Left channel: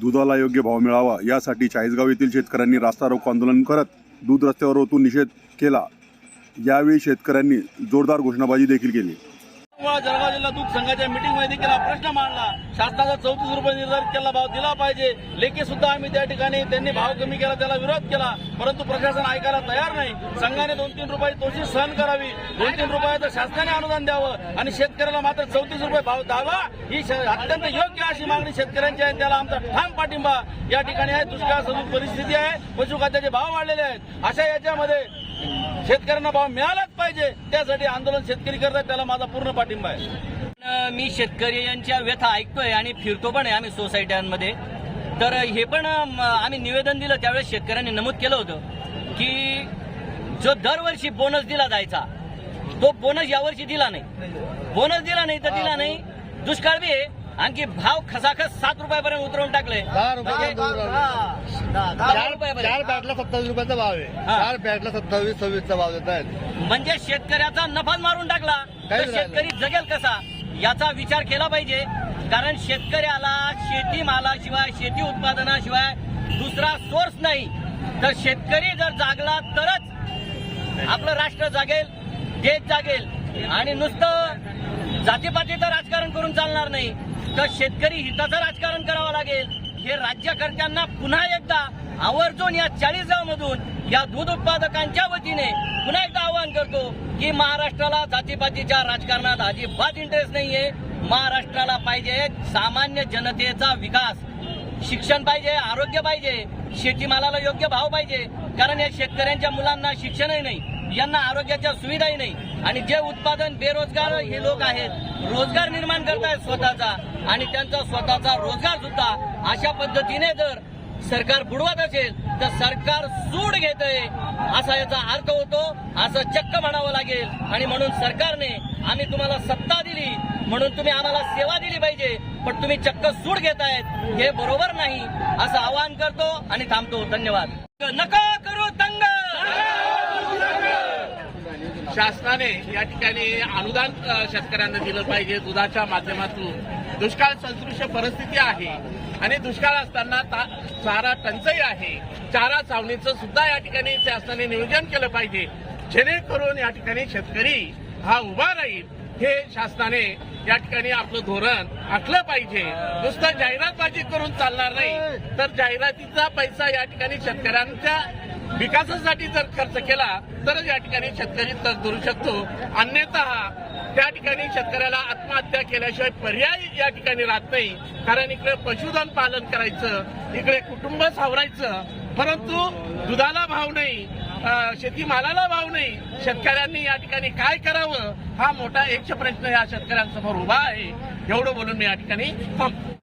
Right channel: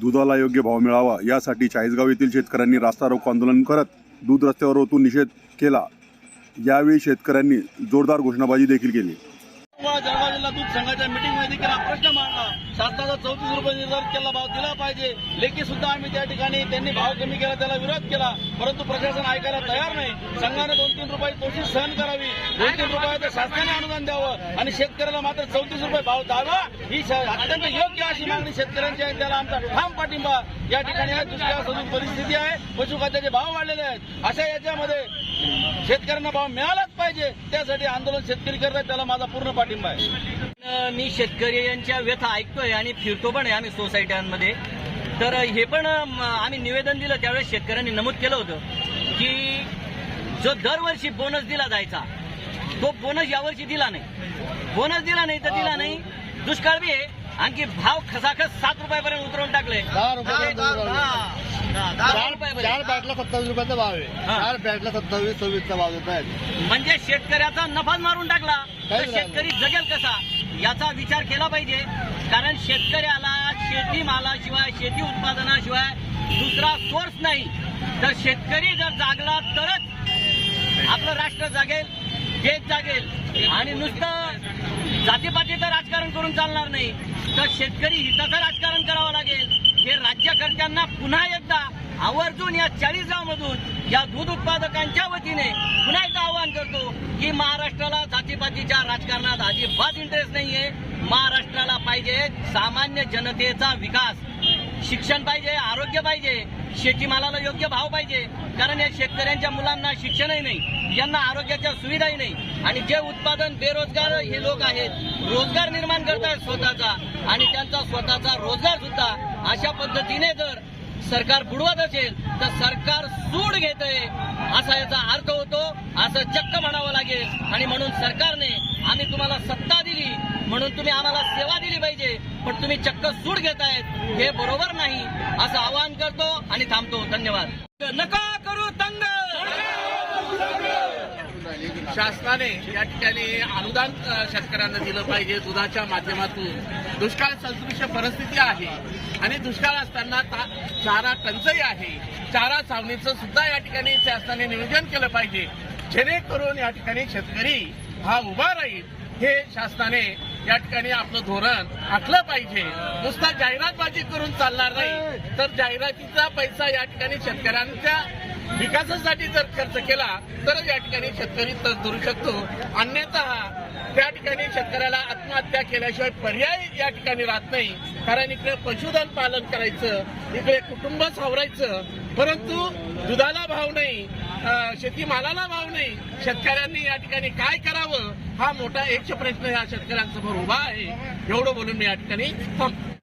दुधाला योग्य भाव मिळावा यासाठी चाळीसगाव येथील शेतकऱ्यांनी रास्ता रोको आंदोलन करत दूध रस्त्यावर ओतून निषेध केला. यावेळी शेतकऱ्यांनी जोरदार घोषणाबाजी देखील केली. मुळा जळगाव जिल्हा दूध संघाच्या मीटिंगमध्ये देखील हा प्रश्न मांडला. शासनाचा चौतीस रुपये निर्धारित केला भाव दिला पाहिजे. लेखी सुद्धा आम्ही त्या ठिकाणी त्यांनी भाव कमी केला त्याला विरोध केला. परंतु प्रशासन ऐकायला तयार नाही. संघाने दोन तीन रुपये तोशी सहन करावी. दोन तीन रुपयाचं शासनाने अनुदान द्यावं. आणि शेतकऱ्याला मात्र चौतीस रुपये भाव द्यावा ही श- अत्यंत योग्य अशी मागणी शेतकऱ्यांची आहे. त्याला आमचा ठाम पाठिंबा या ठिकाणी आहे. दुष्काळ सदृश परिस्थिती आहे. पशुखाद्याचे भाव वाढलेले आहेत. अशा याच्यामध्ये शेतकऱ्यांना भाव मिळालाच पाहिजे. त्यासाठी आंदोलन शेतकरी करतात त्याला माझा पूर्ण पाठिंबा आहे. मी शेतकरी यांच्या व्यथा ऐकतोय आणि फिरतो पण आहे आम्ही सोसायट्यांमध्ये. तर हे पण आम्ही निवेदन दिलं त्यावेळेस शेतकऱ्यांनी नमूद केलं होतं की जो दरवर्षी बोनस दिला जायचा तो बोनस यावर्षी दिला नाही. बोनस दिला नाही तर दिला नाही. दुष्काळ बी आहे. आणखी भाव खसाखस सात रुपयापर्यंत उतरवून टाकले चार बॅटला सत्तावीस रुपयाचा भाव आहे. चार बॅटला सत्तावीस सव्वीसचा भाव देत आहेत. म्हणजे शेतकऱ्याचा नफाच मारून टाकला. तर काहीच राहिलं शेतकरी जगेल कसा? याचा विचार केला पाहिजे. कारण शेतकऱ्याला शेती मालाशिवाय शेती उत्पादनाशिवाय दुसरा सोर्स नाही. तर शेतकरी जर जागला तरच आपलं राष्ट्र जागेल देश जागेल. आणि नुसतं जातीपातीचं राजकारण करून चालणार नाही. तर शेतकरी हिताचं राजकारण करावं लागेल. हे राज्यकर्त्यांना पुन्हा एकदा आवर्जून या चाळीस या दूध उत्पादकांच्या वतीने पुन्हा एकदा आवाहन करतो की महाराष्ट्राला जातीपातीच्या राजकारणात अजिबात इंटरेस्ट नाहीये. महाराष्ट्राला पाहिजे सामान्य जनतेचा विकास. शिक्षण पाहिजे आरोग्य पाहिजे शेतीमालाला योग्य भाव पाहिजे. कारण या शेतकऱ्यांच्या मुलांना शिक्षणही नाही. यांना आरोग्याच्या सुविधाही नाही. आणि जे उत्पादन बेरोजगार हे लोक आहेत रोजगार निर्माण करतायत स्वतःचा. आणि त्यांचा स्वतःचा रोजगार सुद्धा अशा पद्धतीने जर सरकार बुडवत असेल तर सरकार सूड घेत असा याचा अर्थ होतो असं चक्क म्हणावं लागेल. आणि म्हणून सरकारने आम्ही तुम्हाला सत्ता दिली म्हणून तुम्ही आम्हाला सेवा दिली पाहिजे पण तुम्ही चक्क सूड घेतायत हे बरोबर नाही असं आवाहन करतो आणि थांबतो. धन्यवाद. नका करू तंग शासनाने या ठिकाणी अनुदान शेतकऱ्यांना दिलं पाहिजे. दुधाच्या माध्यमातून दुष्काळ सदृश्य परिस्थिती आहे आणि दुष्काळ असताना ता- चारा टंचाई आहे. चारा छावणीचं सुद्धा या ठिकाणी शासनाने नियोजन केलं पाहिजे. जेणेकरून या ठिकाणी शेतकरी हा उभा राहील. हे शासनाने या ठिकाणी आपलं धोरण आखलं पाहिजे. नुसतं जाहिरातबाजी करून चालणार नाही. तर जाहिरातीचा पैसा या ठिकाणी शेतकऱ्यांच्या विकासासाठी जर खर्च केला तरच या ठिकाणी शेतकरी तर धरू शकतो. अन्यथा त्या ठिकाणी शेतकऱ्याला आत्महत्या केल्याशिवाय पर्याय या ठिकाणी राहत नाही. कारण इकडे पशुधन पालन करायचं इकडे कुटुंब सावरायचं. परंतु दुधाला भाव नाही शेतीमालाला भाव नाही. शेतकऱ्यांनी या ठिकाणी काय करावं? हा मोठा एकच प्रश्न या शेतकऱ्यांसमोर उभा आहे. एवढं बोलून मी या ठिकाणी थांबतो.